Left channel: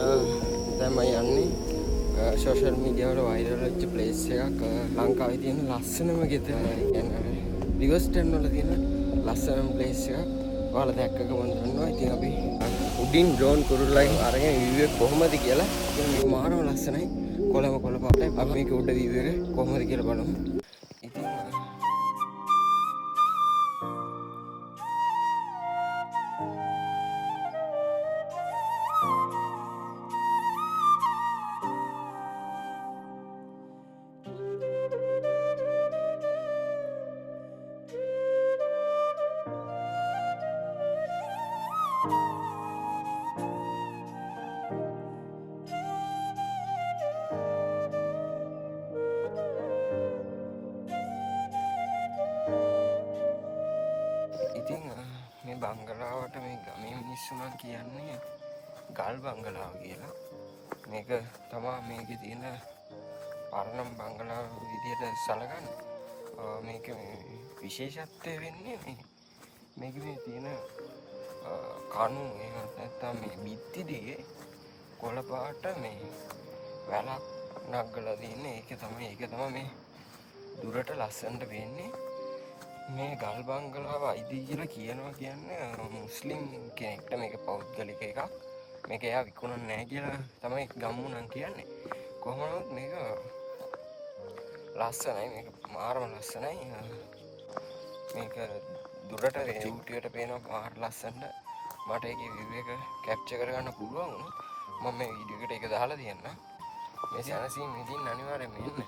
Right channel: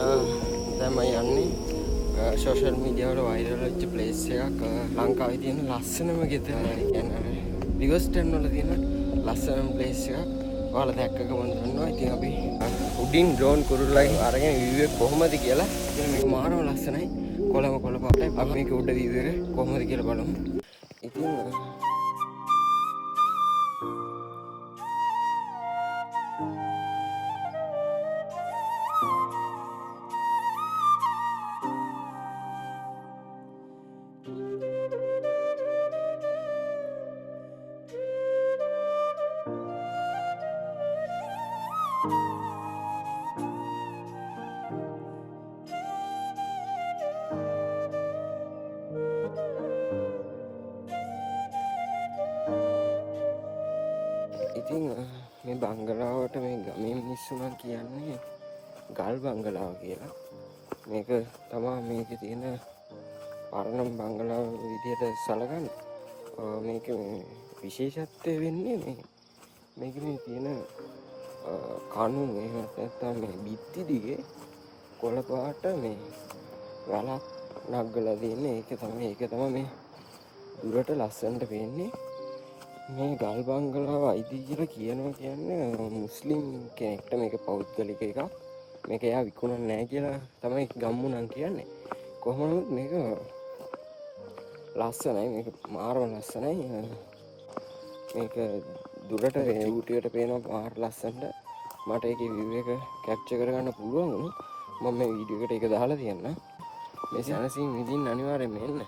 දැන් මම යන්නේ සෝෂල් මීඩියා වල වෛරල් වෙච්ච ප්ලේස් එකක් ලංකාවේ තියෙන ලස්සනම ගෙදර. ඒ කියන්නේ රිවර්ස්ටන් වල තියෙන ලස්සනම ප්ලේස් එකක්. ඔයාලා දැක්ක ගමන් දන්නවා. ඉතින් අපි උඩින් ඩ්‍රෝන් කුරුල්ලයි අරගෙන view එක කොහොමද කියලා. ඉතින් මේක මාරම ලස්සනයි. කොළ පාටයි. අපි මේක උඩ view එක කොහොමද කියලා බලමු. ඉතින් ඉතින් මේ බංගලාවට මේ ගමේ මිනිස්සු නම් කියන්නේ ගල් බංගලාව කියලා. මේක තමයි මේකේ තියෙන පරණම බංගලාව විදියට සැලකන්නේ. මේක විශේෂත්වය වෙන්නේ මේකේ තියෙන කණු එහෙම නැත්නම් මේ බිත්ති දිගේ කොළ පාට මේ වැලක් නගලා තියෙන්නේ. ඒක තමයි මේ දුරට ලස්සනට පේන්නේ. මේ ගල් බංගලාව අයිති කියලා කියන්නේ මුස්ලිම් කෙනෙක්ට. මේක පෞද්ගලික එකක්. මේක එයා විකුණන්නේ නැහැ කියලා තමයි ගම්මුණන් කියන්නේ. කොහොම නමුත් මේක ලස්සනයි. මේක මාරම ලස්සනයි. මේක දුරට චූටියට පේනවා මාර ලස්සනට. මට ඒකේ view එක කැප්චර් කරගන්න පුළුවන් වුණා. මම මේ වීඩියෝ එකට ඒක දාලා තියන්නම්. මේ සැනසීම විඳින්න අනිවාර්යයෙන්ම එන්න.